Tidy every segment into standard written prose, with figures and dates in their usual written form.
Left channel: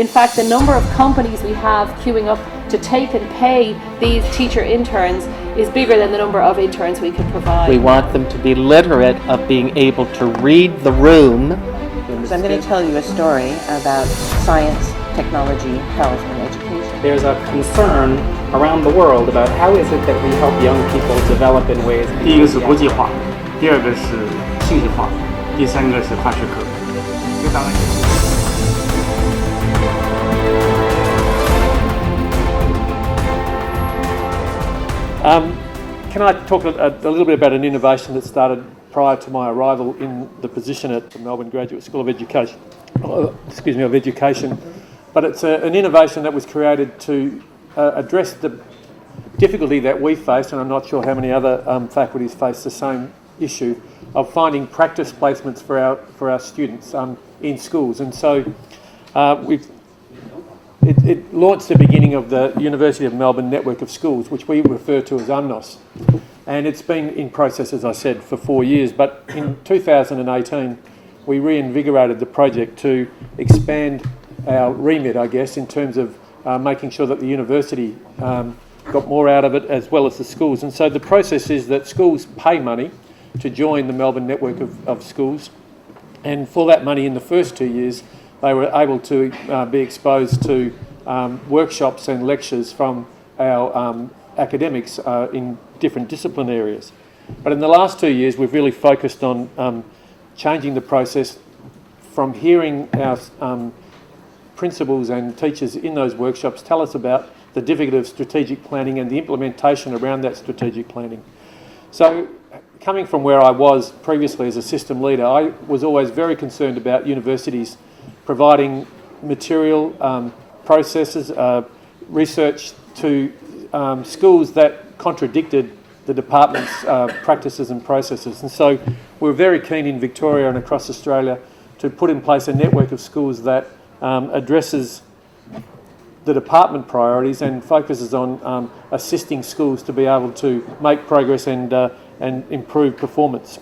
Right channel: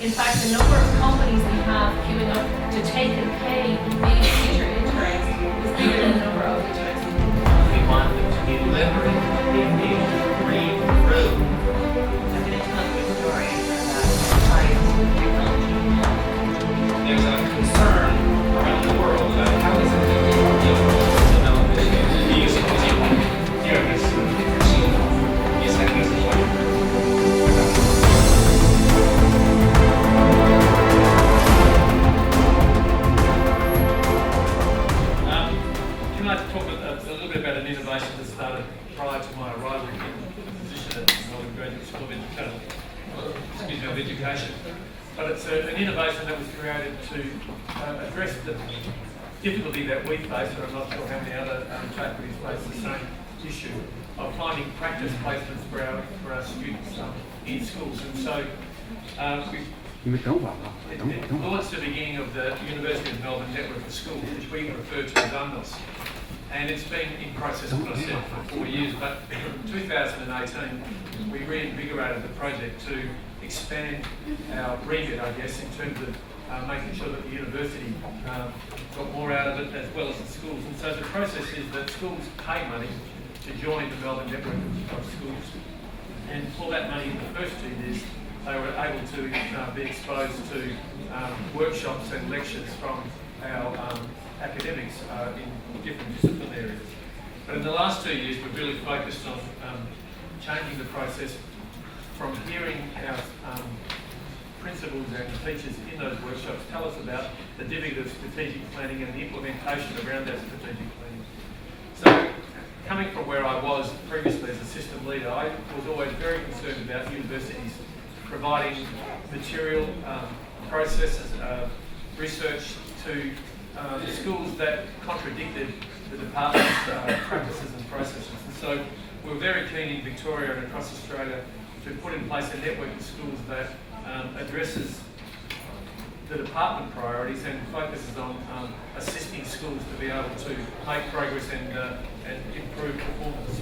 In fact, the number of companies we have queuing up to take and pay these teacher interns is bigger than the number of interns we can provide. We want them to be literate of being able to read the room. So I'm going to tell you a story about science, technology, health, and education. There's a concern around the world about how is it that we help young people develop in ways. 第一个是国际化，第二个是数字化，第三个是大学科。当然。Can I talk a little bit about an innovation that started prior to my arrival in the position at the Melbourne Graduate School of Education? But it's an innovation that was created to address the difficulty that we face, and I'm not sure how many other faculties face the same issue, of finding practice placements for our students in schools. And so it launched the beginning of the University of Melbourne network of schools, which we refer to as UNMOS. And it's been in process, as I said, for 4 years. But in 2018, we reinvigorated the project to expand our remit, I guess, in terms of making sure that the university got more out of it, as well as the schools. And so the process is that schools pay money to join the Melbourne network of schools. And for that money in the first 2 years, they were able to be exposed to workshops and lectures from our academics in different discipline areas. But in the last 2 years, we've really focused on changing the process from hearing our principals and teachers in those workshops tell us about the difficulty of strategic planning and the implementation around that strategic planning. So, coming from where I was previously as a system leader, I was always very concerned about universities providing material, processes, research to schools that contradicted the department's practices and processes. And so we're very keen in Victoria and across Australia to put in place a network of schools that addresses the department priorities and focuses on assisting schools to be able to make progress and improve performance.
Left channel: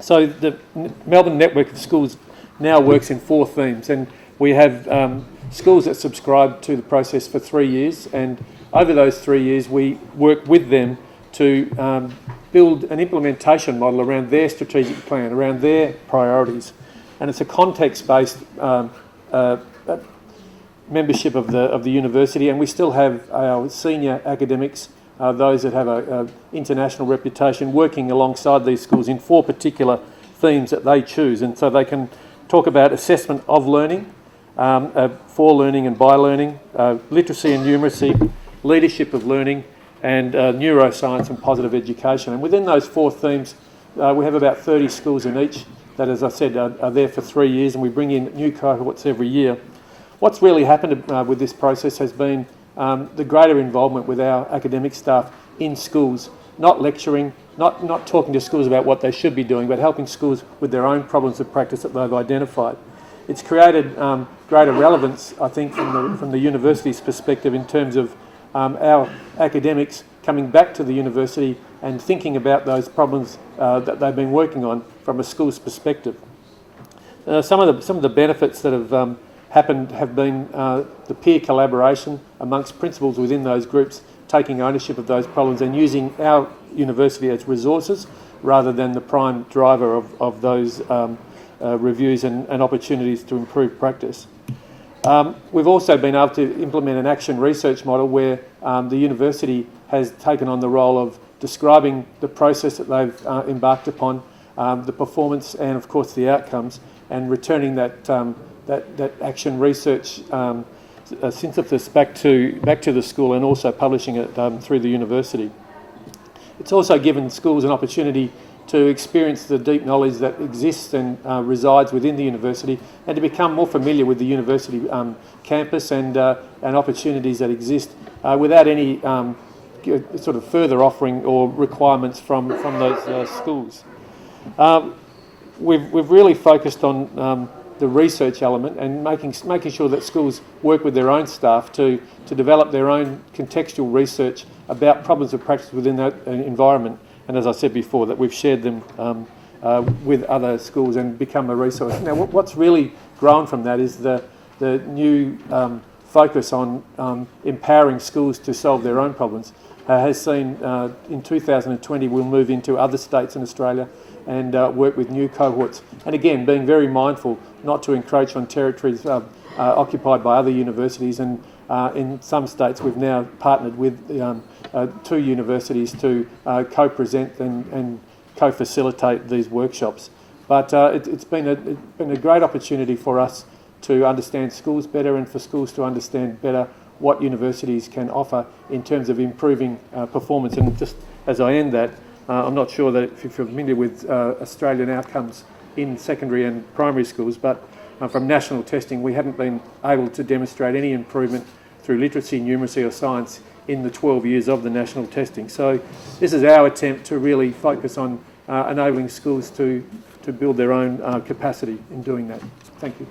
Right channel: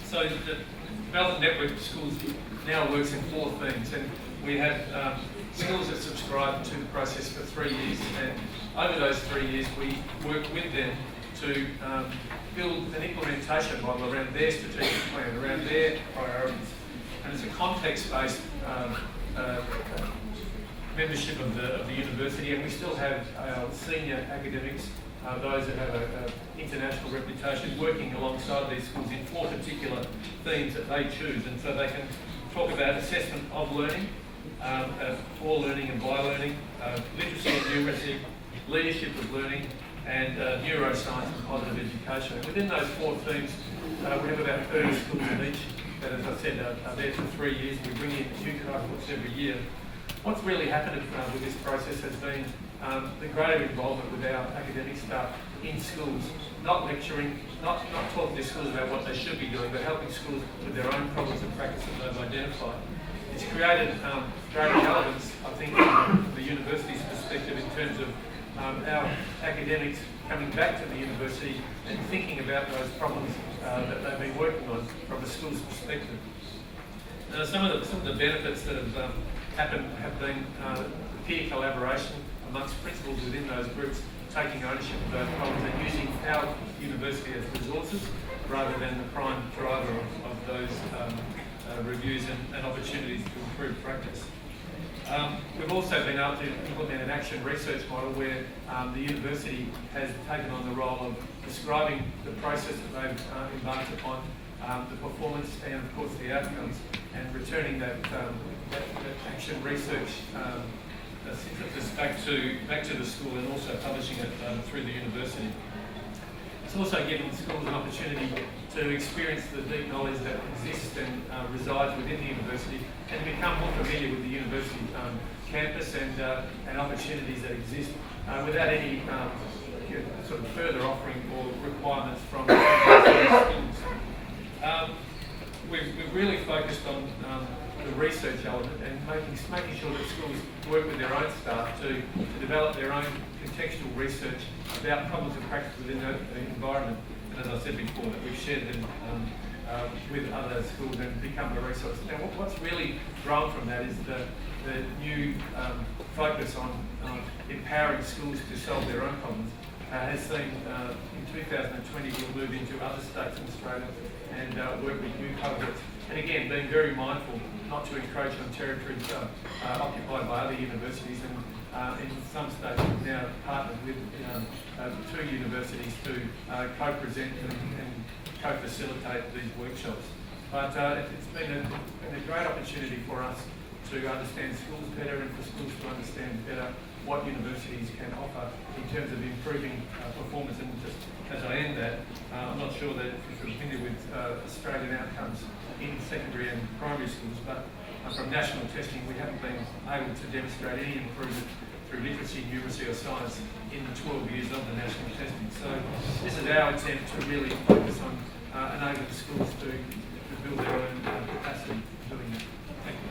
So the Melbourne Network of Schools now works in 4 themes, and we have schools that subscribe to the process for 3 years, and over those 3 years we work with them to build an implementation model around their strategic plan, around their priorities. And it's a context-based membership of the university, and we still have our senior academics, those that have an international reputation, working alongside these schools in 4 particular themes that they choose. And so they can talk about assessment of learning, for learning and by learning, literacy and numeracy, leadership of learning, and neuroscience and positive education. And within those 4 themes, we have about 30 schools in each that, as I said, are there for 3 years, and we bring in new cohorts every year. What's really happened with this process has been the greater involvement with our academic staff in schools, not lecturing, not talking to schools about what they should be doing, but helping schools with their own problems of practice that they've identified. It's created greater relevance, I think, from the university's perspective in terms of our academics coming back to the university and thinking about those problems that they've been working on from a school's perspective. Some of the benefits that have happened have been the peer collaboration amongst principals within those groups, taking ownership of those problems and using our university as resources rather than the prime driver of those reviews and opportunities to improve practice. We've also been able to implement an action research model where the university has taken on the role of describing the process that they've embarked upon, the performance and of course the outcomes, and returning that action research synthesis back to the school and also publishing it through the university. It's also given schools an opportunity to experience the deep knowledge that exists and resides within the university, and to become more familiar with the university campus and opportunities that exist without any sort of further offering or requirements from those schools. We've really focused on the research element and making sure that schools work with their own staff to develop their own contextual research about problems of practice within that environment. And as I said before, that we've shared them with other schools and become a resource. Now, what's really grown from that is the the new focus on empowering schools to solve their own problems has seen in 2020 we'll move into other states in Australia and work with new cohorts. And again, being very mindful not to encroach on territories occupied by other universities. And in some states we've now partnered with 2 universities to co-present and co-facilitate these workshops. But it's been a great opportunity for us to understand schools better and for schools to understand better what universities can offer in terms of improving performance. And just as I end that, I'm not sure that if you're familiar with Australian outcomes in secondary and primary schools, but from national testing we haven't been able to demonstrate any improvement through literacy, numeracy or science in the 12 years of the national testing. So this is our attempt to really focus on enabling schools to build their own capacity in doing that. Thank you.